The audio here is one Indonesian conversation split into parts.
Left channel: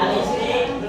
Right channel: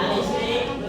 Alih listrik,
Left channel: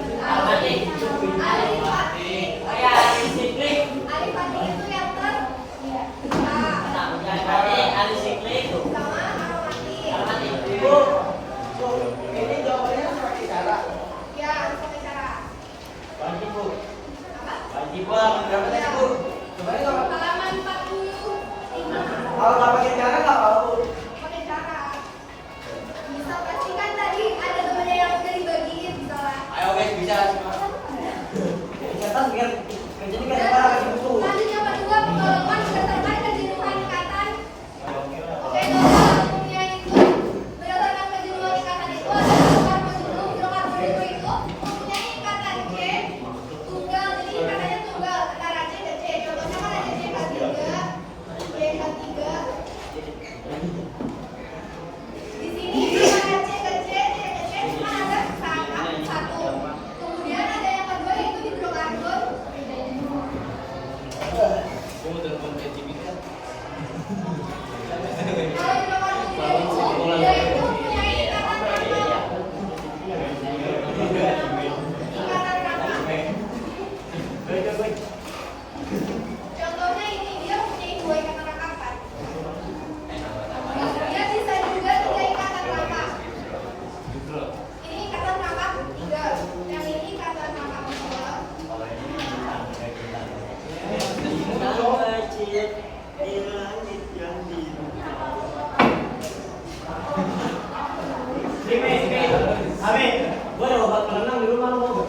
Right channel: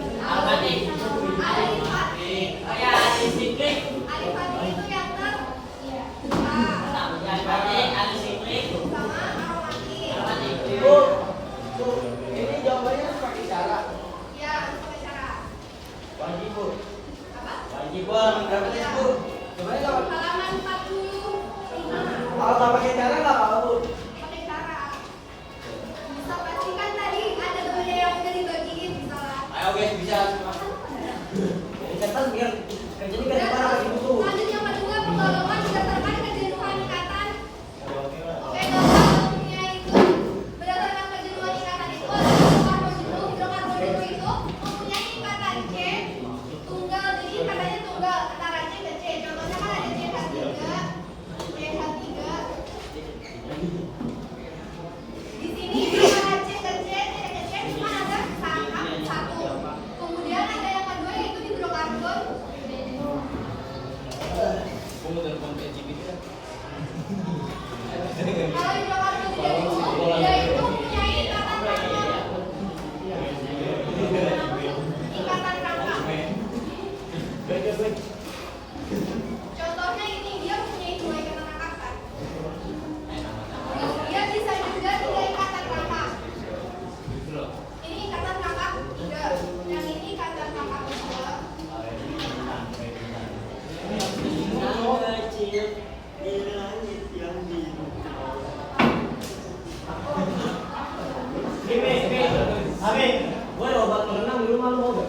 Gua ada obat perenang di rumah lu.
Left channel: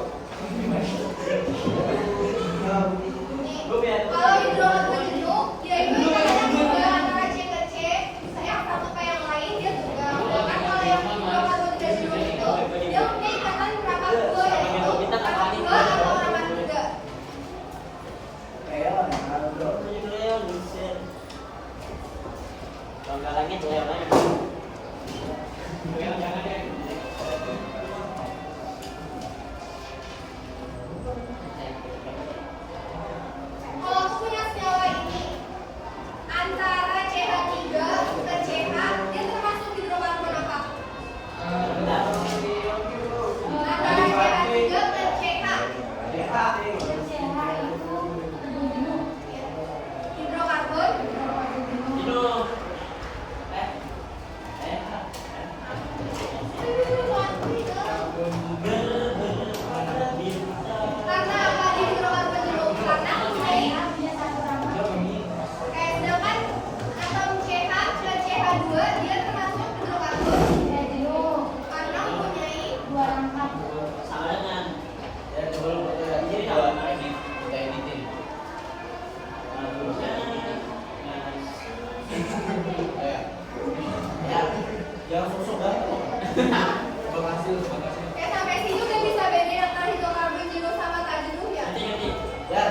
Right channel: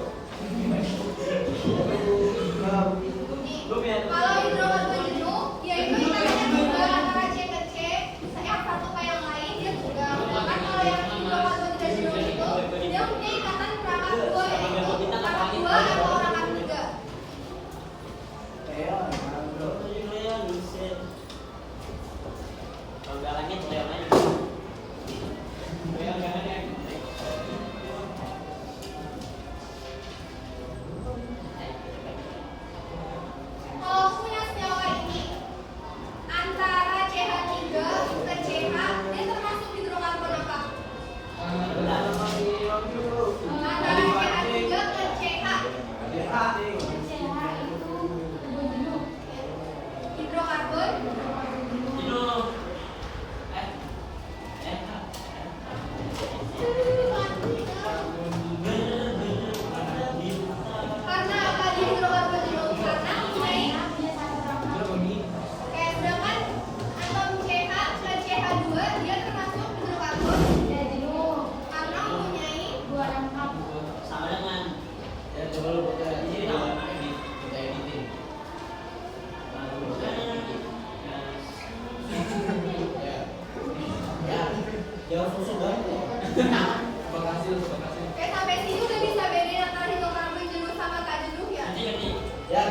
Kalau hidrokarbon jenuh, dia itu ikatan juga antara C ke C, misalnya satu ke yang lain dia juga. Kan kalau yang hidrokarbon tidak jenuh itu, dia punya ikatan perangkat dua, yaitu perangkat dua atau perangkat tiga. Kalau aku punya senyawa ini antara CH3 ke CH, dia termasuk hidrokarbon apa? Antara CH3 ke CH. Hidrokarbon. Karena apa di hidrokarbon jenuh? Karena mempunyai kayak sedangkan atom CH ke CH2 dia termasuk hidrokarbon jenuh karena mempunyai dua rangkap. Sama dengan jangan sosok banget. Sampai sini udah bisa bedain antara hidrokarbon jenuh sama tak jenuh ya? Ya.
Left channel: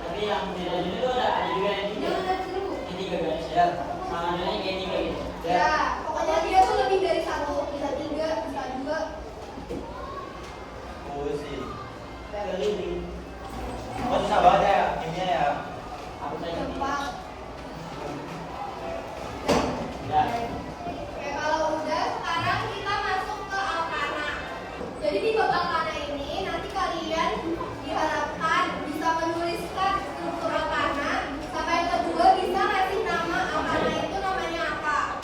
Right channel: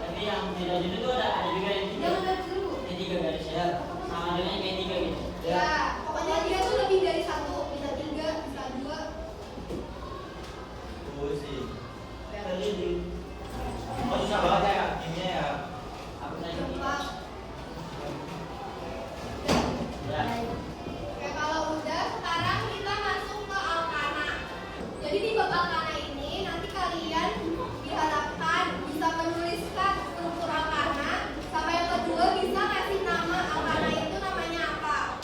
Tapi yang tidak jenuh itu ada juga yang tiga. Yang udah jenuh. Yang tiga garis ya. Sama dengan kayak tiga gitu. Ya, pokoknya dia tuh lebih dari satu, bisa tiga, bisa dua. Oh sih. Oh, susah banget ya kimia ya. Aku saya Empat. ya. Oke, kalau udah, sekarang kita masuk ke alkana. Jadi di bab alkana ini nanti kalian diharapkan bisa menuliskan struktur alkana, sama yang kedua bisa ngasih nama alkana itu namanya apa.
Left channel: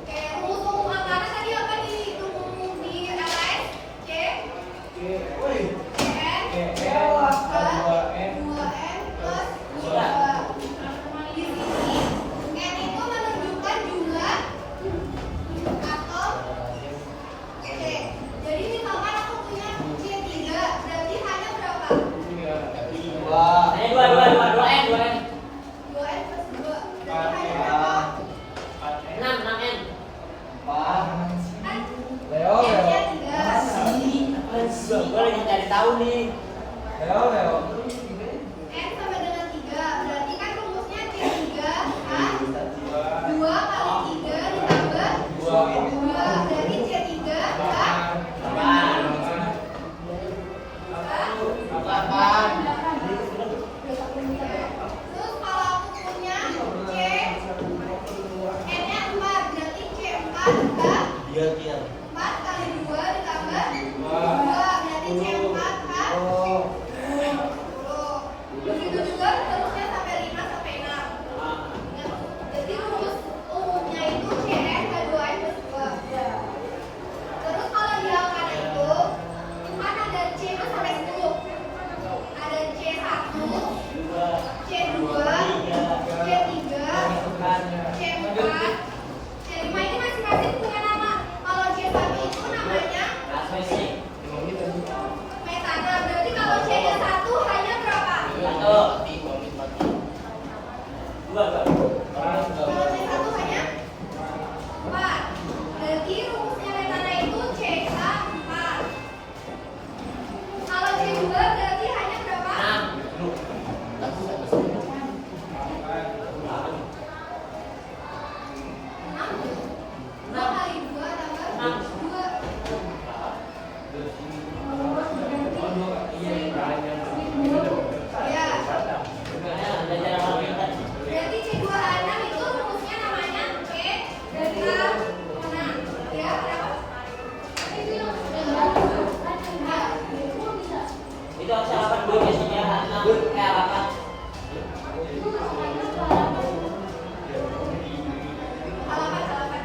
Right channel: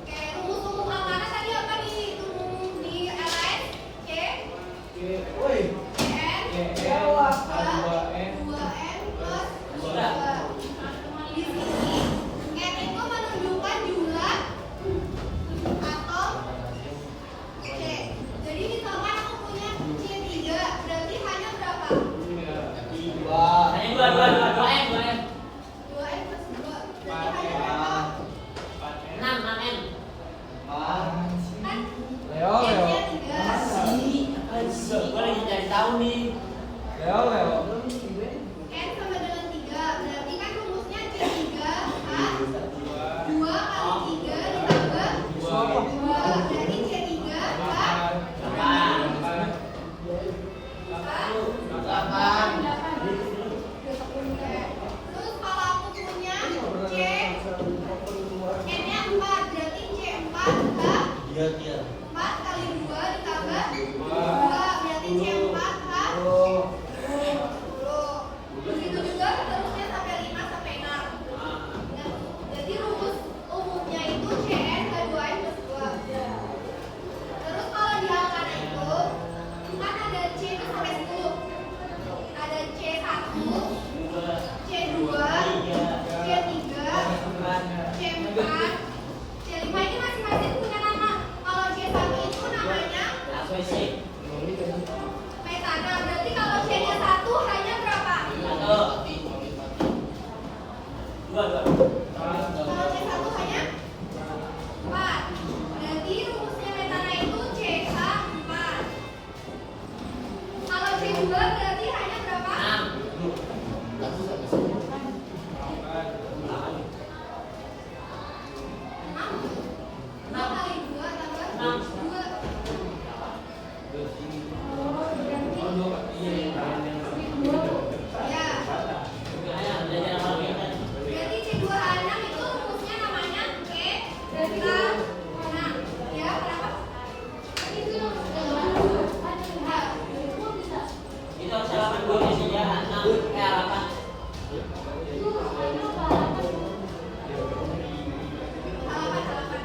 Oke, rumus umum alkana tadi apa di LS? C, CN, 2N plus 2. Di sini N itu menunjukkan jumlah atom C. Jadi misalkan aku punya C3, berarti hanya berapa? Hanya dua n. 2N plus 2. Berarti hanya berapa? 6 n. Kan Leo. N-nya 3. Gua lagi cari tahu nih. Leo. N sama dengan 3. Berarti kan rumusnya C3 A 2 kali 3 ditambah 2. Berarti C3 A 8. Terus kalau aku punya C N-nya 4, berarti C4 A 4 kali 2 ditambah 2. Berarti C4 A 10. Begitu juga seterusnya sampai 5 sampai 6. Jadi rumus umumnya itu CN K2N plus 2. Terus kalau di alkana itu kan ada C itu sampai 10. Ada C1, C2, C3, C4, C5 ini masing-masing punya nama. Kalau C1 itu namanya metana. Berarti kalau C-nya 1 hanya berapa? Kalau C1 hanya 4. Berarti rumusnya metana itu CH4. Kalau C2 berarti hanya berapa? 6 kali 2 tambah 2. Ya. Berarti C2H6 itu rumusnya namanya E-6. Ya, berapa? Itu harapan gue sih ya, 6 kayak harapan. Halaman.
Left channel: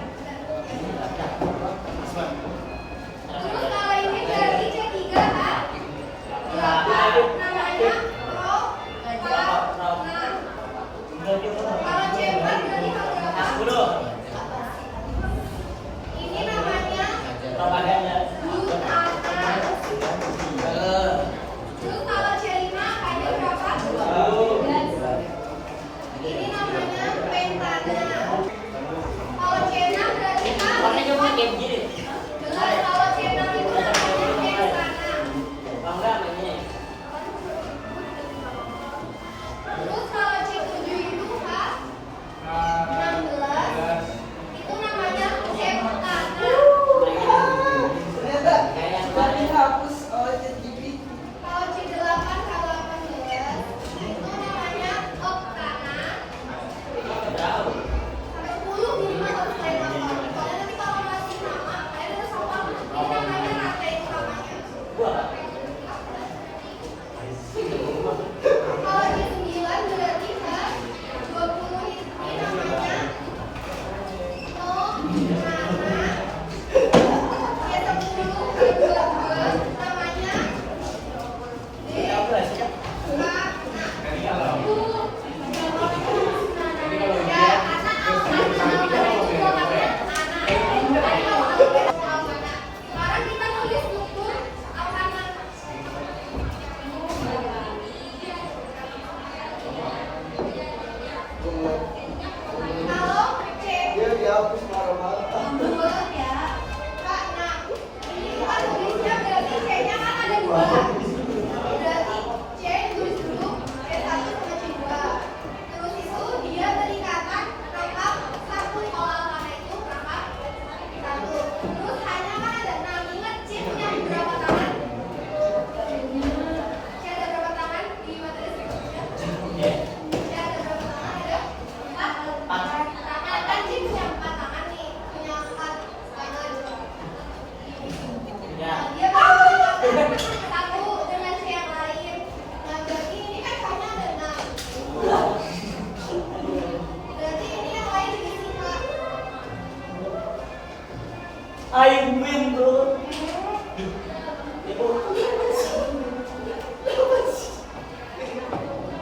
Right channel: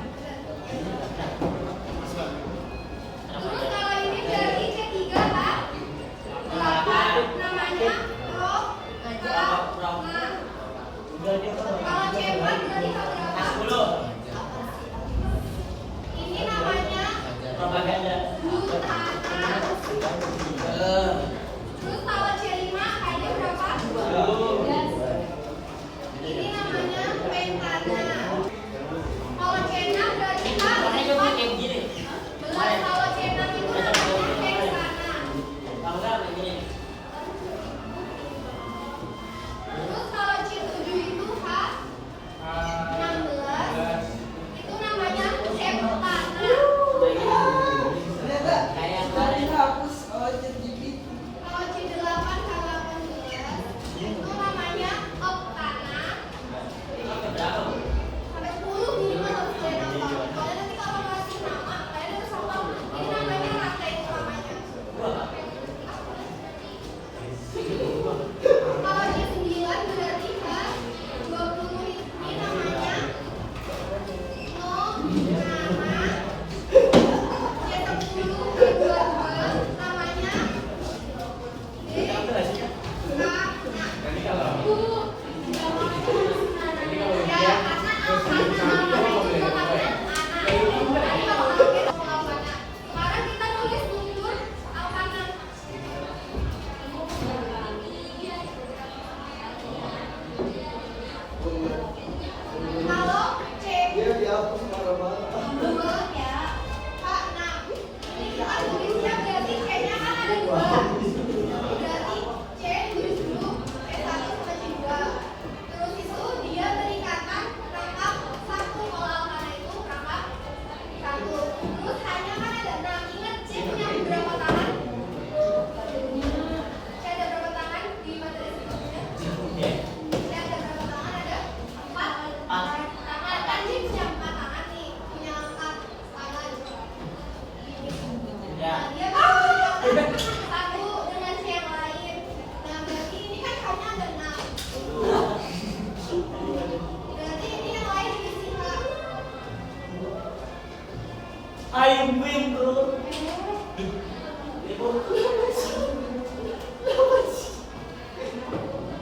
Ayam yang turun. Itu.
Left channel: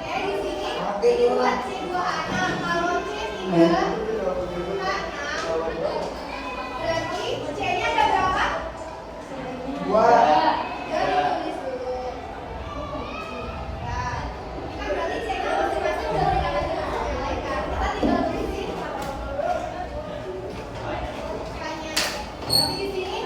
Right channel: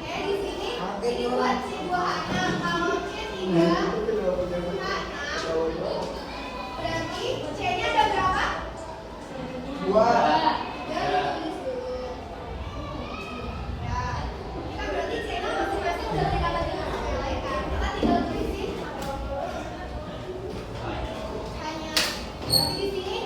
Ya di sini dibuat C 2 anak. Kalau C 3 berarti C-nya ada berapa? Dua. Ya, tulis dulu. Ya, kan berarti C-nya masing-masing udah kita bagi sama yang lain kan? Kita tinggal tulisin hanya. Tapi di sini